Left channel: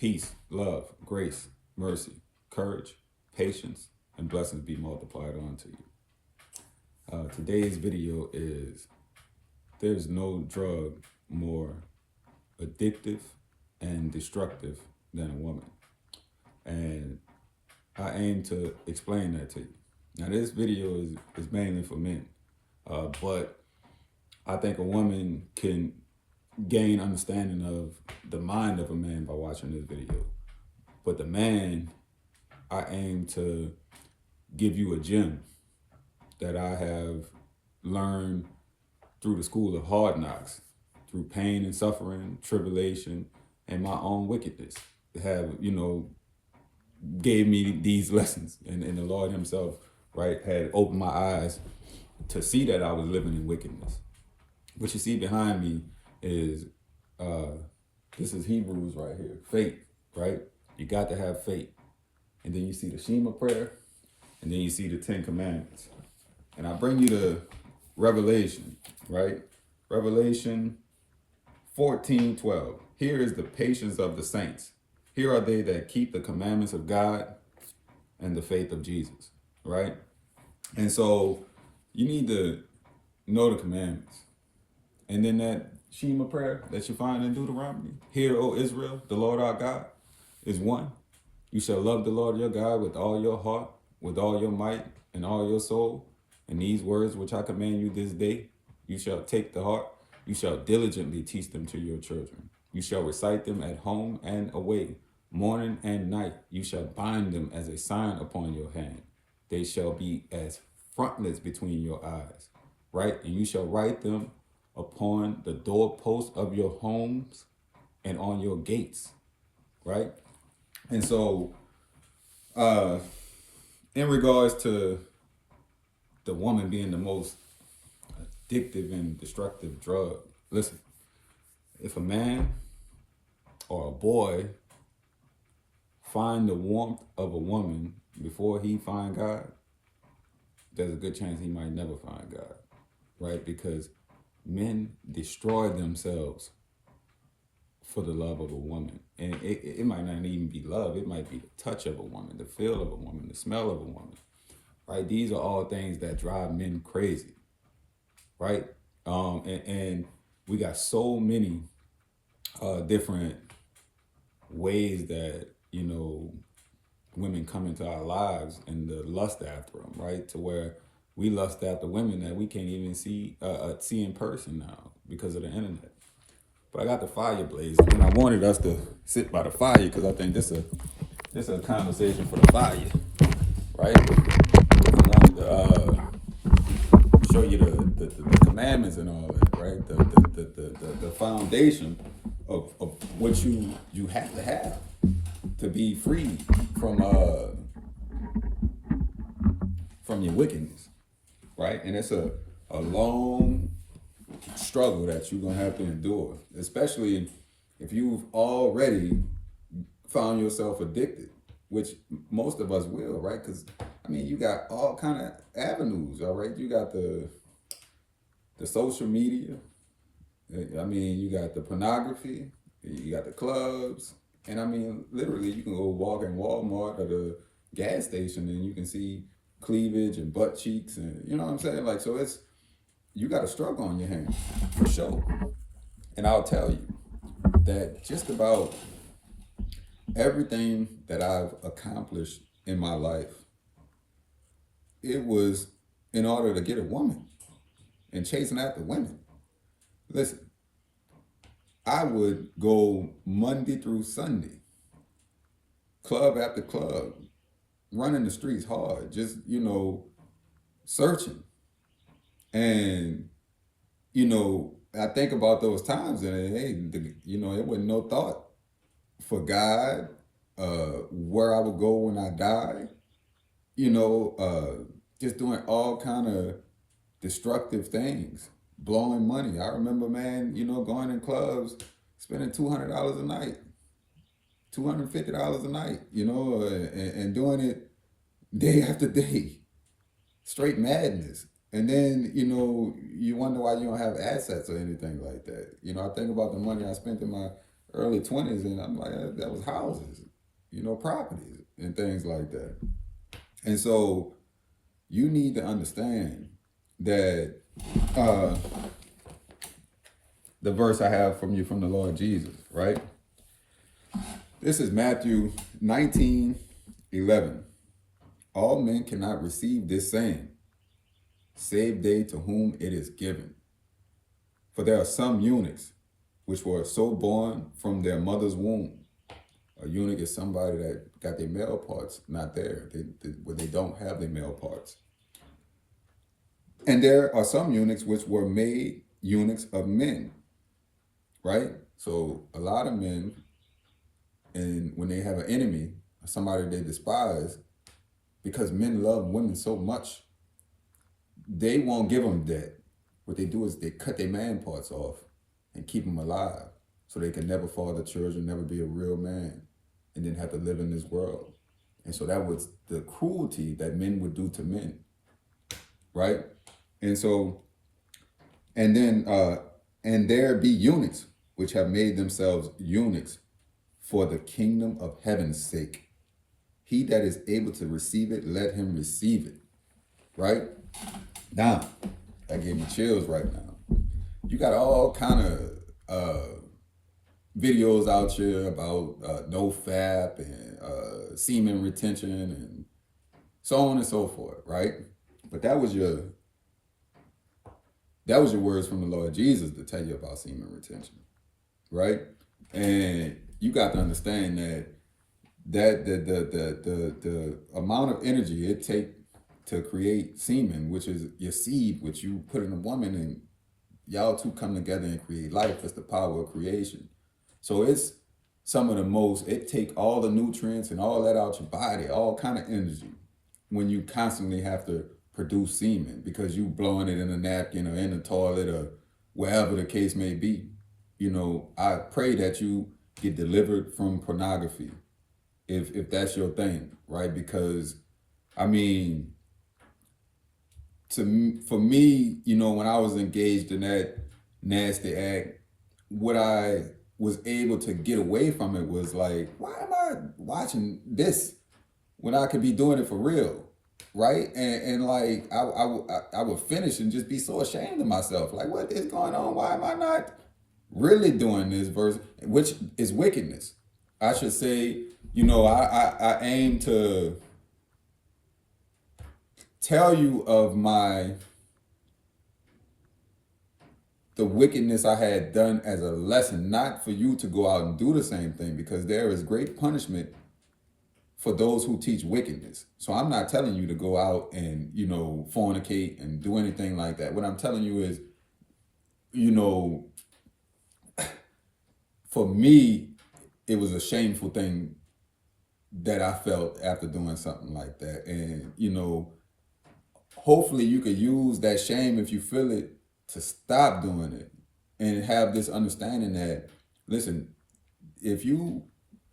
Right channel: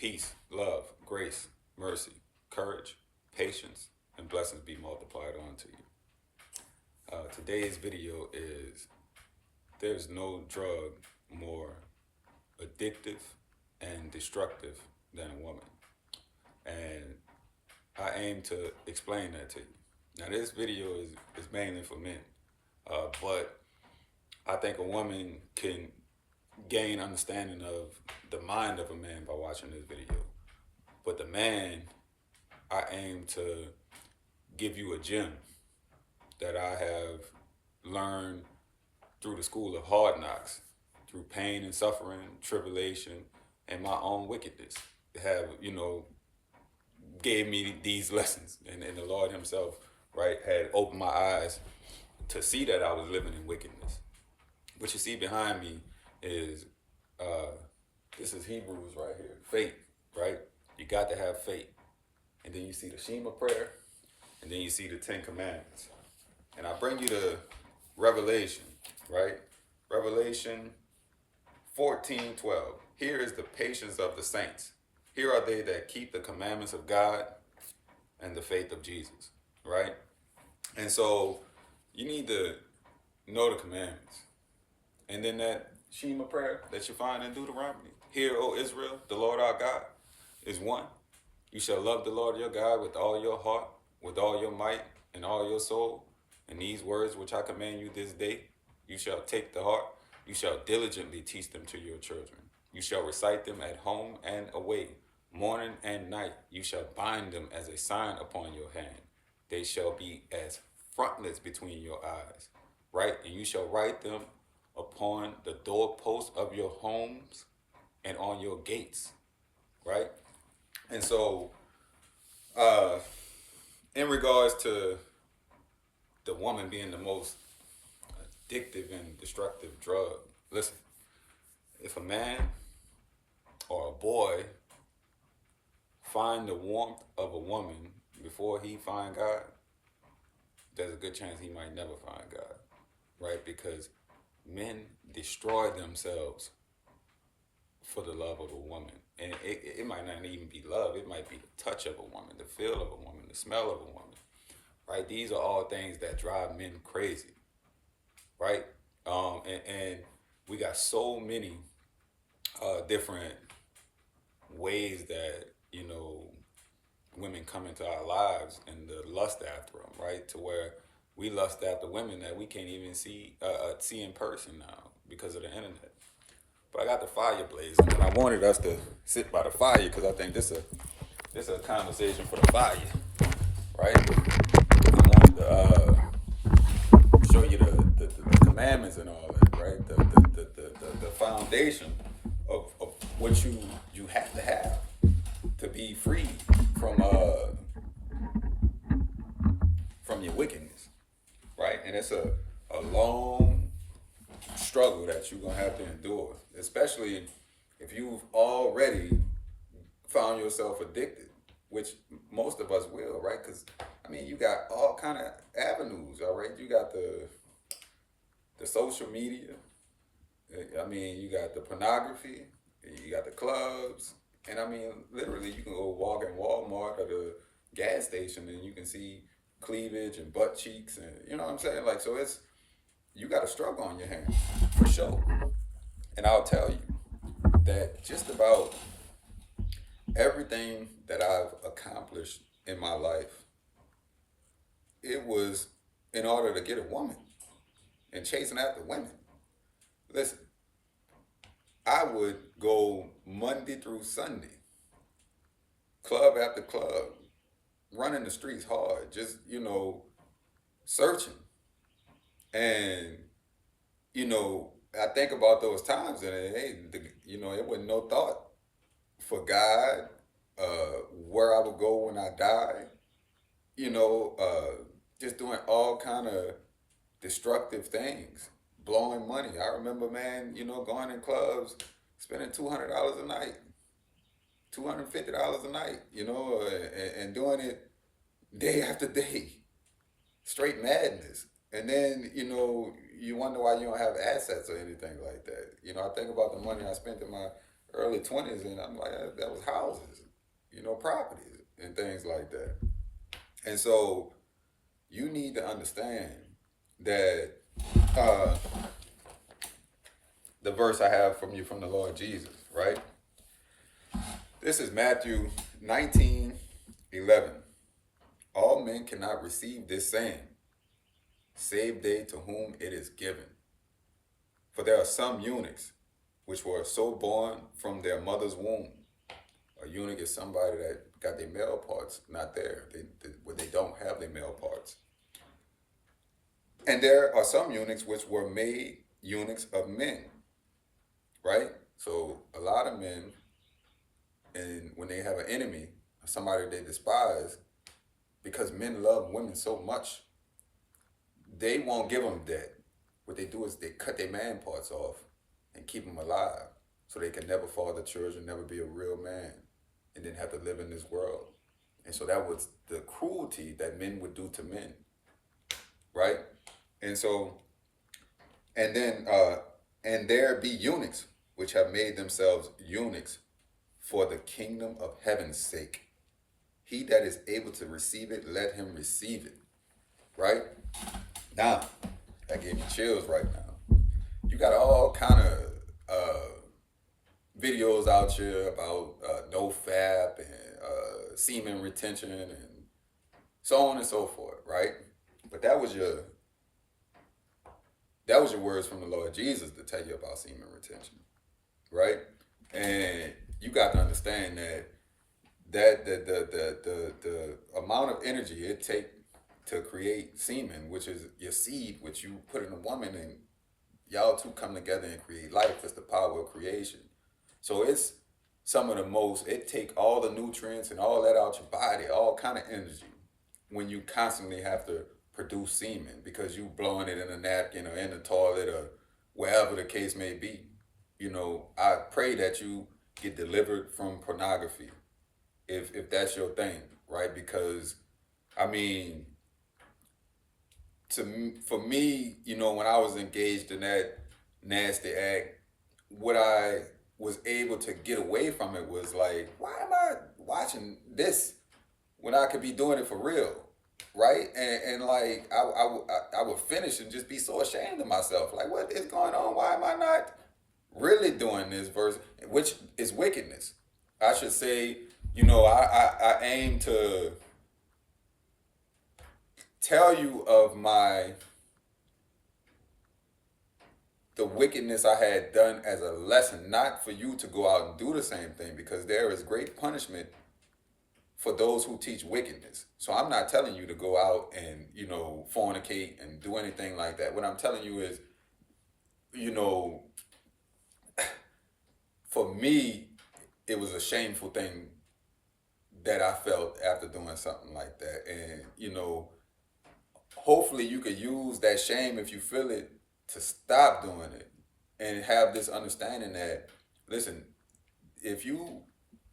Peace, love, grace, mercy, courage, patience, and blessings be multiplied onto you. Today's video is there's no drug more addictive and destructive than a woman. And I aim to explain that to you. Now, this video is mainly for men, but I think a woman can gain understanding of the mind of a man by watching this video. But the man, I aim to give you a gem that I have learned through the school of hard knocks, through pain and suffering, tribulation, and my own wickedness. Have, gave me these lessons. And the Lord himself, right, had opened my eyes to see that I was living in wickedness. What you see behind me is, this is Hebrews right here, faith, right? You got to have faith. And then you see the Shema prayer, and then you see the 10 Commandments. And I bring you to Revelation, right? Revelation 14:12. Here is the patience of the saints. Here are they that keep the commandments of God and the faith of Jesus, right? And so you need to know the commandments. And then that Shema prayer that you find in Deuteronomy. Hear, O Israel, the Lord our God is one. You shall love the Lord your God with all your heart, with all your might, and all your soul. And these words which I command you this day, you shall take to heart. You shall diligently teach them to your children. You shall recite them at home and away, morning and night. You shall bind them as a sign upon your hand. They shall be as frontlets between your eyes, right? And you shall write them upon the doorposts of your homes and on your gates, right? And so, in regards to the woman being the most addictive and destructive drug, listen, if a man or a boy find the warmth of a woman before he find God, there's a good chance he might never find God, right? Because men destroy themselves for the love of a woman. And it might not even be love. It might be the touch of a woman, the feel of a woman, the smell of a woman, right? These are all things that drive men crazy, right? And we got so many different ways that, women come into our lives and the lust after them, right? To where we lust after women that we can't even see in person now because of the internet. But I got the fire blazing, and I wanted us to sit by the fire because I think this is a conversation for the fire, right? I wanted to show you the commandments and all that, right? The foundation of what you have to be free from your wickedness, right? And it's a long struggle that you're gonna have to endure, especially if you've already found yourself addicted, which most of us will, right? Because you got all kind of avenues, all right? You got the social media, you got the pornography, you got the clubs, and literally you can go walk in Walmart or the gas station and you can see cleavage and butt cheeks, and you know what I'm saying? Like, so you got a struggle on your hands for sure. And I'll tell you that just about everything that I've accomplished in my life, it was in order to get a woman and chasing after women. Listen, I would go Monday through Sunday, club after club, running the streets hard, just, searching. And, I think about those times and, hey, it wasn't no thought for God, where I would go when I die, just doing all kind of destructive things, blowing money. I remember, man, going in clubs, spending $200 a night, $250 a night, and doing it day after day, straight madness. And then, you wonder why you don't have assets or anything like that. I think about the money I spent in early 20s, and I'm like, that was houses, properties and things like that. And so you need to understand that uh, the verse I have from you from the Lord Jesus, right? This is Matthew 19:11. All men cannot receive this saying, save they to whom it is given. For there are some eunuchs which were so born from their mother's womb. A eunuch is somebody that got their male parts not there, where they don't have their male parts. And there are some eunuchs which were made eunuchs of men, right? So a lot of men, and when they have an enemy, somebody they despise, because men love women so much, they won't give them that. What they do is they cut their man parts off and keep them alive so they can never father children, never be a real man, and then have to live in this world. And so that was the cruelty that men would do to men, right? And so, and then, and there be eunuchs which have made themselves eunuchs for the kingdom of heaven's sake. He that is able to receive it, let him receive it, right? Now, that gave me chills right now. You got all kind of videos out here about no fap and semen retention and so on and so forth, right? But that was your words from the Lord Jesus to tell you about semen retention, right? And you got to understand that the amount of energy it takes to create semen, which is your seed, which you put in a woman, and y'all two come together and create life. It's the power of creation. So it's some of the most, it take all the nutrients and all that out your body, all kind of energy, when you constantly have to produce semen because you blowing it in a napkin or in the toilet or wherever the case may be. I pray that you get delivered from pornography if that's your thing, right? Because I mean, for me, when I was engaged in that nasty act, what I was able to get away from it was like, why am I watching this when I could be doing it for real, right? And like I would finish and just be so ashamed of myself, like, what is going on? Why am I not really doing this verse, which is wickedness? I should say, I aim to tell you of the wickedness I had done as a lesson, not for you to go out and do the same thing, because there is great punishment for those who teach wickedness. So I'm not telling you to go out and, fornicate and do anything like that. What I'm telling you is, for me, it was a shameful thing that I felt after doing something like that. And, hopefully you could use that shame, if you feel it, to stop doing it and have this understanding that, listen, if you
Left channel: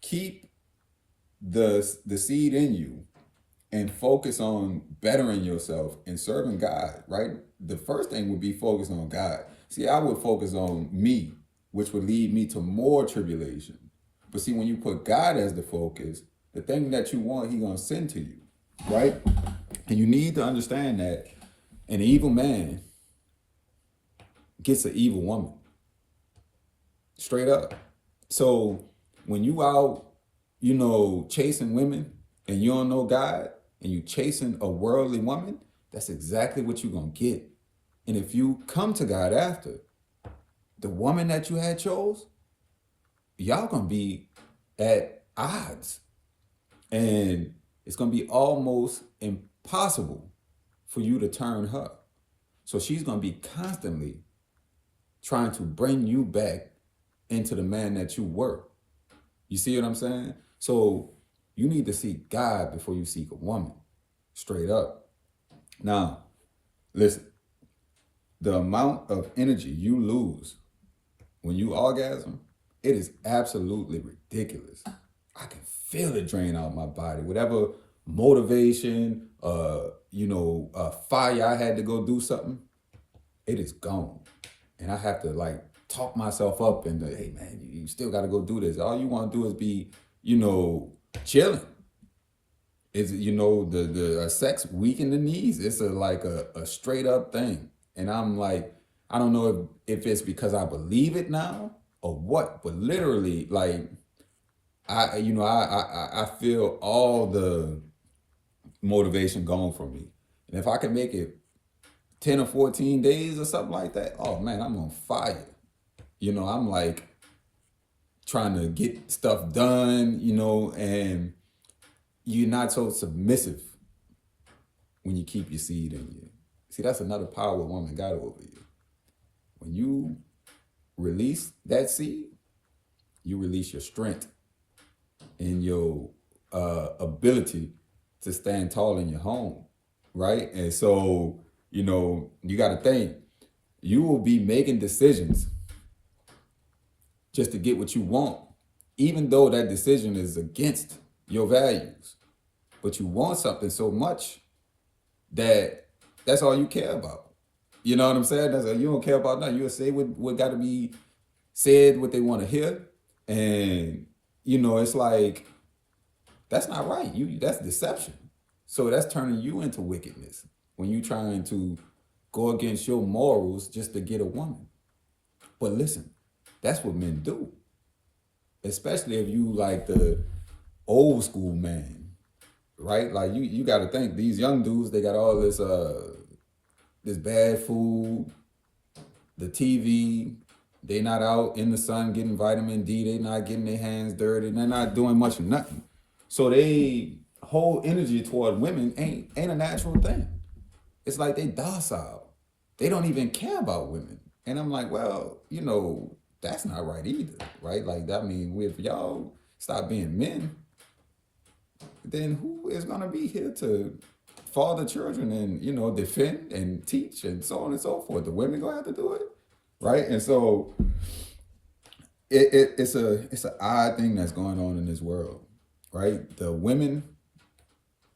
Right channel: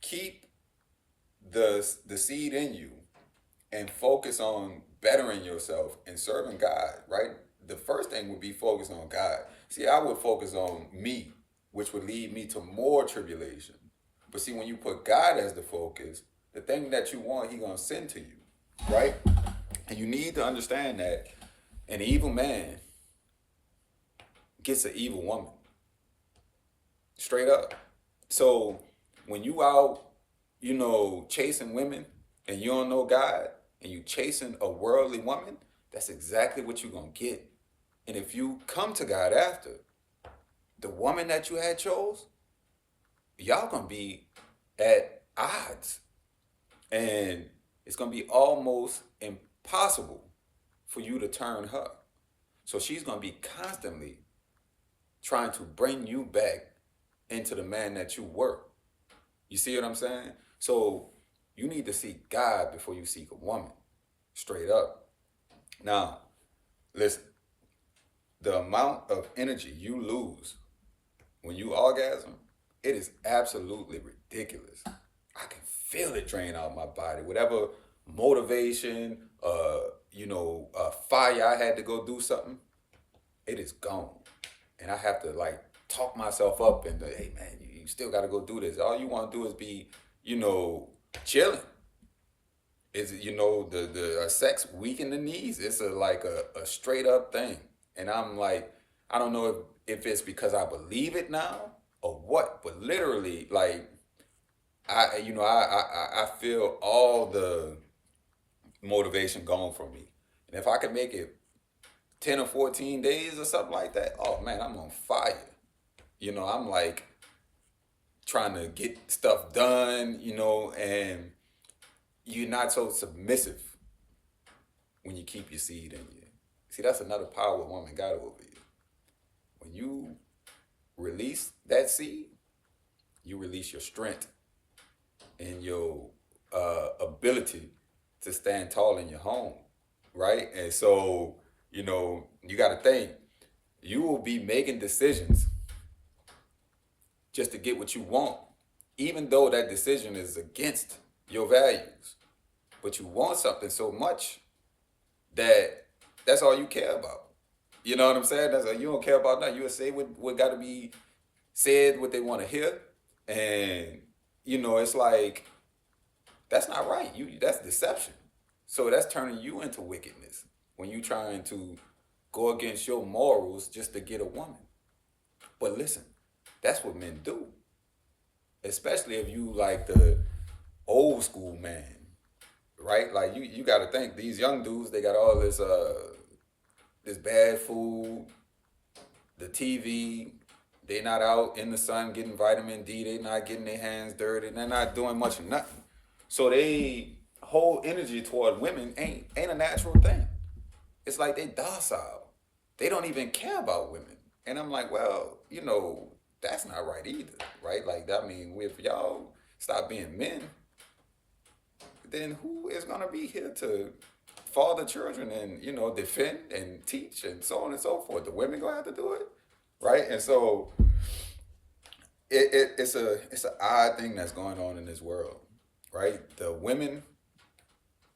keep the seed in you and focus on bettering yourself and serving God, right? The first thing would be focus on God. See, I would focus on me, which would lead me to more tribulation. But see, when you put God as the focus, the thing that you want, He's going to send to you, right? And you need to understand that an evil man gets an evil woman. Straight up. So when you out, chasing women and you don't know God and you chasing a worldly woman, that's exactly what you're going to get. And if you come to God after, the woman that you had chose, y'all going to be at odds. And it's going to be almost impossible for you to turn her. So she's going to be constantly trying to bring you back into the man that you were. You see what I'm saying? So you need to seek God before you seek a woman. Straight up. Now, listen, the amount of energy you lose when you orgasm, it is absolutely ridiculous. I can feel it drain out my body. Whatever motivation, fire I had to go do something, it is gone. And I have to talk myself up and hey man, you still got to go do this. All you want to do is be, you know, chilling. Is you know the sex weaken the knees. It's a straight up thing, and I'm like, I don't know if it's because I believe it now or what, but literally like I feel all the motivation gone from me, and if I could make it 10 or 14 days or something like that, oh man, I'm on fire. You know, I'm like trying to get stuff done, you know, and you're not so submissive when you keep your seed in you. See, that's another power a woman got over you. When you release that seed, you release your strength and your ability to stand tall in your home, right? And so, you know, you got to think you will be making decisions just to get what you want, even though that decision is against your values. But you want something so much that that's all you care about. You know what I'm saying? That's like, you don't care about nothing. You'll say what got to be said, what they want to hear. And, you know, it's like, that's not right. That's deception. So that's turning you into wickedness when you trying to go against your morals just to get a woman. But listen, that's what men do. Especially if you like the old school man, right? Like you got to think these young dudes, they got all this bad food, the TV. They not out in the sun getting vitamin D. They not getting their hands dirty. They're not doing much of nothing. So they whole energy toward women ain't a natural thing. It's like they docile. They don't even care about women. And I'm like, well, you know, that's not right either, right? Like, I mean, if y'all stop being men, then who is gonna be here to father children and, you know, defend and teach and so on and so forth? The women gonna have to do it, right? And so it's an odd thing that's going on in this world, right? The women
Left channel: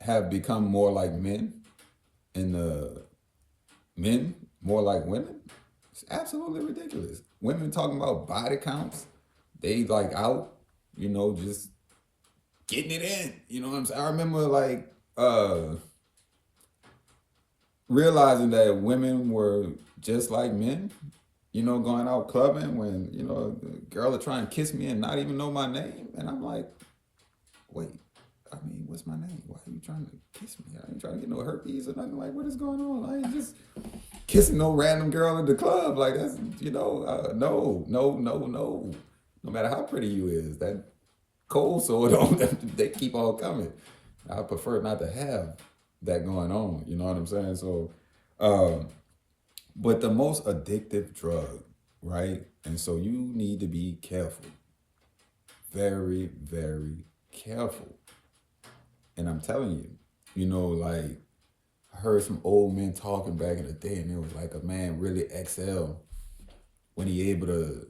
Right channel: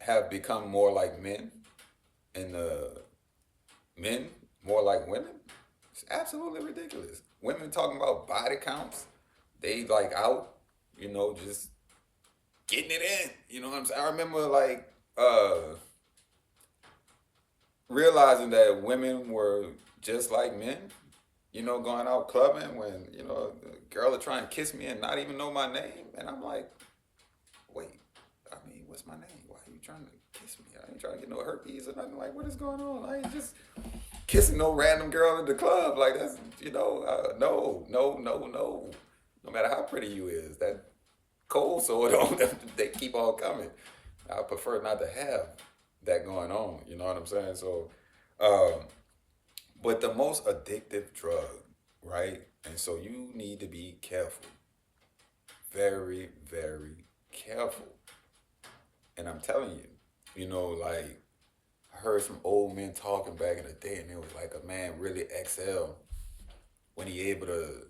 have become more like men, and the men more like women. It's absolutely ridiculous. Women talking about body counts, they like out, you know, just getting it in. You know what I'm saying? I remember like realizing that women were just like men, you know, going out clubbing when, you know, the girl will try and kiss me and not even know my name. And I'm like, wait, I mean, what's my name? Why are you trying to kiss me? I ain't trying to get no herpes or nothing. Like, what is going on? I ain't just kissing no random girl at the club. Like, that's, you know, no. No matter how pretty you is, that cold sore, they keep on coming. I prefer not to have that going on. You know what I'm saying? So, but the most addictive drug, right? And so you need to be careful. Very, very careful. And I'm telling you, you know, like I heard some old men talking back in the day, and it was like a man really excel when he able to